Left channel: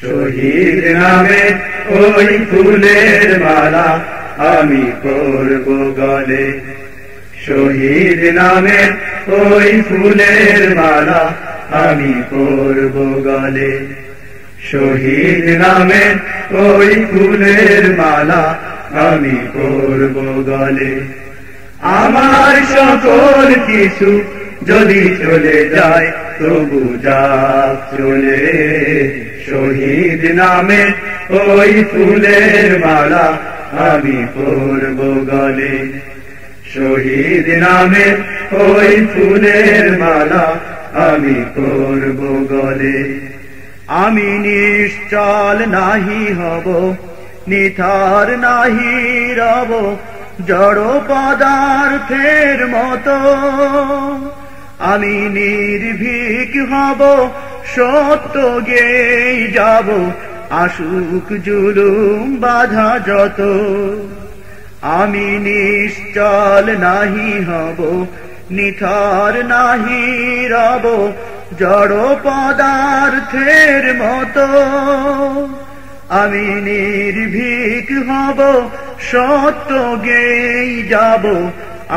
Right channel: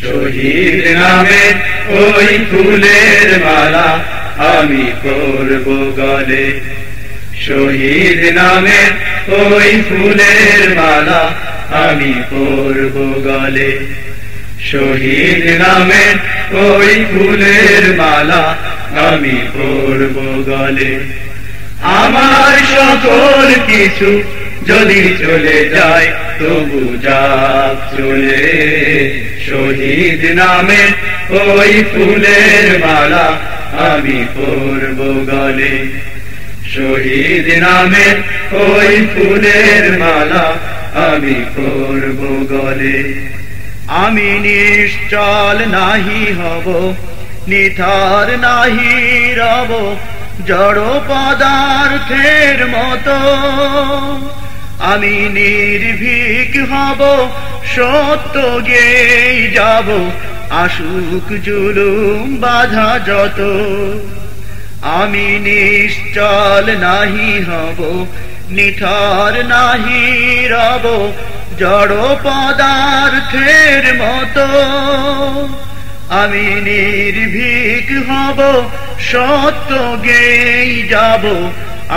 শহীদ নামে ওই ফুলের মালা আমি পরব গলে। শহীদ নামে ওই ফুলের মালা আমি পরব গলে। শহীদ নামে ওই ফুলের মালা আমি পরব গলে। আমার সকল কিছু যদি চলে যায় তবু যাক চলে। শহীদ নামে ওই ফুলের মালা আমি পরব গলে। শহীদ নামে ওই ফুলের মালা আমি পরব গলে। আমি নিশ্চল নাহি হব, নিথর নাহি রব, জড় পদার্থের মতো। আমি নির্ভীক হব, সত্য গেয়ে যাব, আসুক জুলুম বাধা যত। আমি নিশ্চল নাহি হব, নিথর নাহি রব, জড় পদার্থের মতো। আমি নির্ভীক হব, সত্য গেয়ে যাব,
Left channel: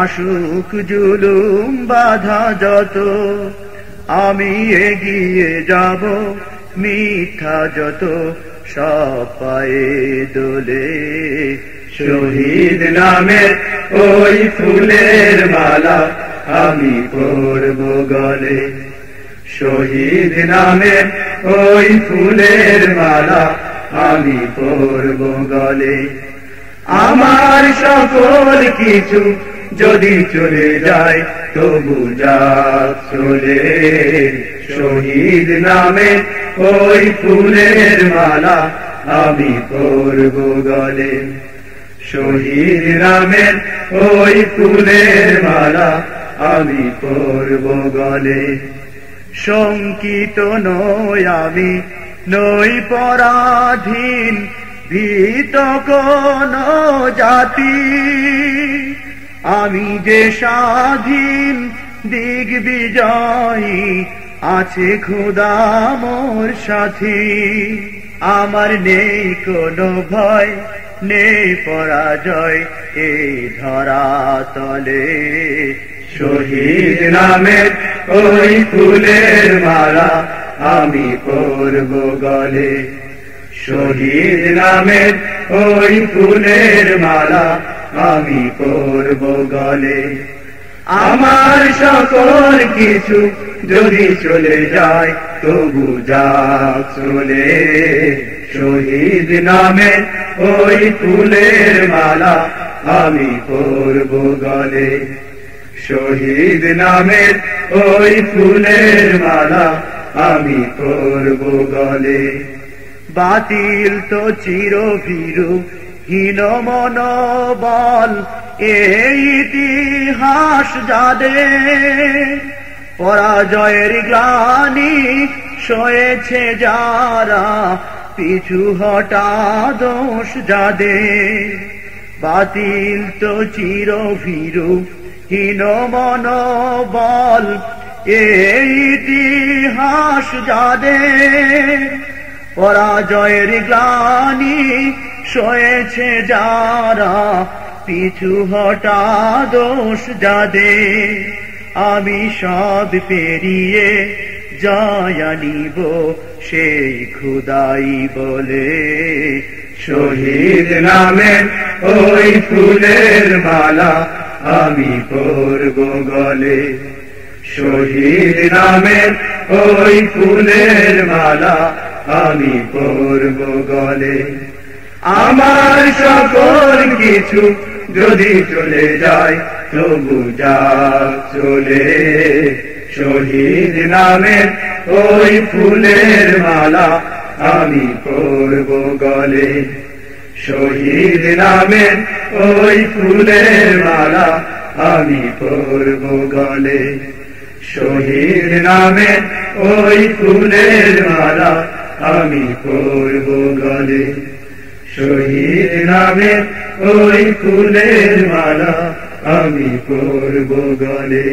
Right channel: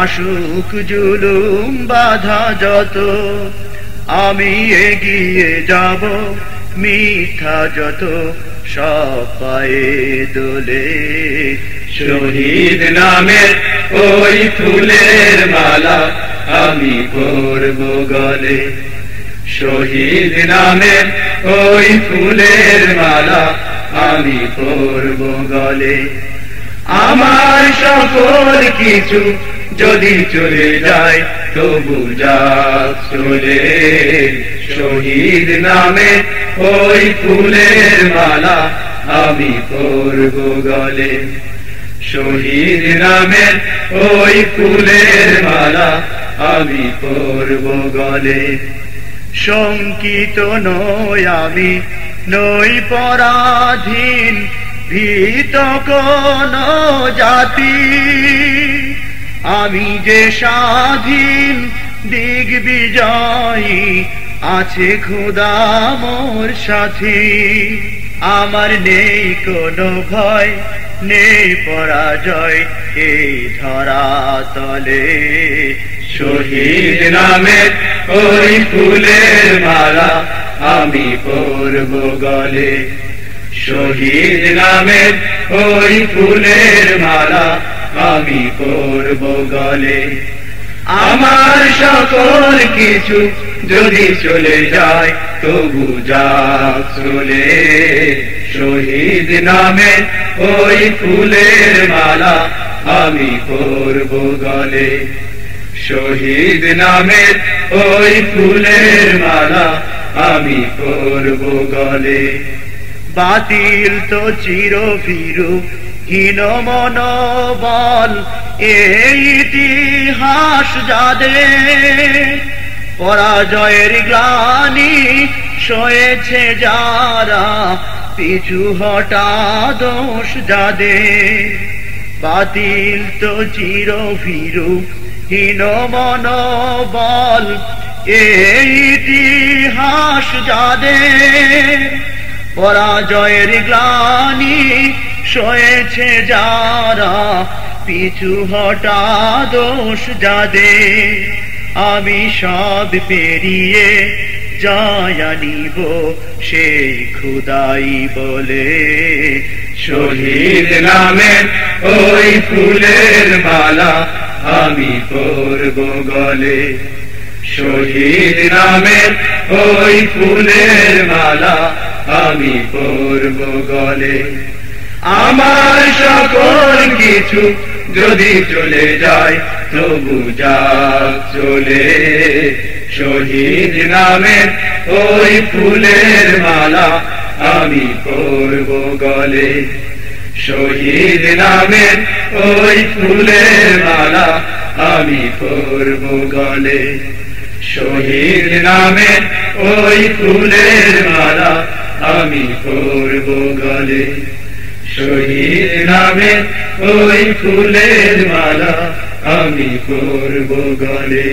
আসুক জুলুম বাধা যত। আমি এগিয়ে যাব, মিথ্যা যত সব পায়ে দোলে। শহীদ নামে ওই ফুলের মালা আমি পরব গলে। শহীদ নামে ওই ফুলের মালা আমি পরব গলে। আমার সকল কিছু যদি চলে যায় তবু যাক চলে। শহীদ নামে ওই ফুলের মালা আমি পরব গলে। শহীদ নামে ওই ফুলের মালা আমি পরব গলে। শঙ্কিত নই আমি, নই পরাধীন, ভীত কোন জাতি। আমি যে স্বাধীন দিগ্বিজয়ী, আছে খোদা মোর সাথী। আমার নেই কোনো ভয়, নেই পরাজয় এই ধরাতলে। শহীদ নামে ওই ফুলের মালা আমি পরব গলে। শহীদ নামে ওই ফুলের মালা আমি পরব গলে। আমার সকল কিছু যদি চলে যায় তবু যাক চলে। শহীদ নামে ওই ফুলের মালা আমি পরব গলে। শহীদ নামে ওই ফুলের মালা আমি পরব গলে। বাতিল তো চিরভীরু, হীন মনোবল এই ইতিহাস যাদের। পরাজয়ের গ্লানি সয়েছে যারা, পিছু হটা দোষ যাদের। বাতিল তো চিরভীরু, হীন মনোবল এই ইতিহাস যাদের। পরাজয়ের গ্লানি সয়েছে যারা, পিছু হটা দোষ যাদের। আমি সব পেরিয়ে জয় আনিব সেই খোদাই বলে। শহীদ নামে ওই ফুলের মালা আমি পরব গলে। শহীদ নামে ওই ফুলের মালা আমি পরব গলে। আমার সকল কিছু যদি চলে যায় তবু যাক চলে। শহীদ নামে ওই ফুলের মালা আমি পরব গলে। শহীদ নামে ওই ফুলের মালা আমি পরব গলে। শহীদ নামে ওই ফুলের মালা আমি পরব গলে। শহীদ নামে ওই ফুলের মালা আমি পরব গলে।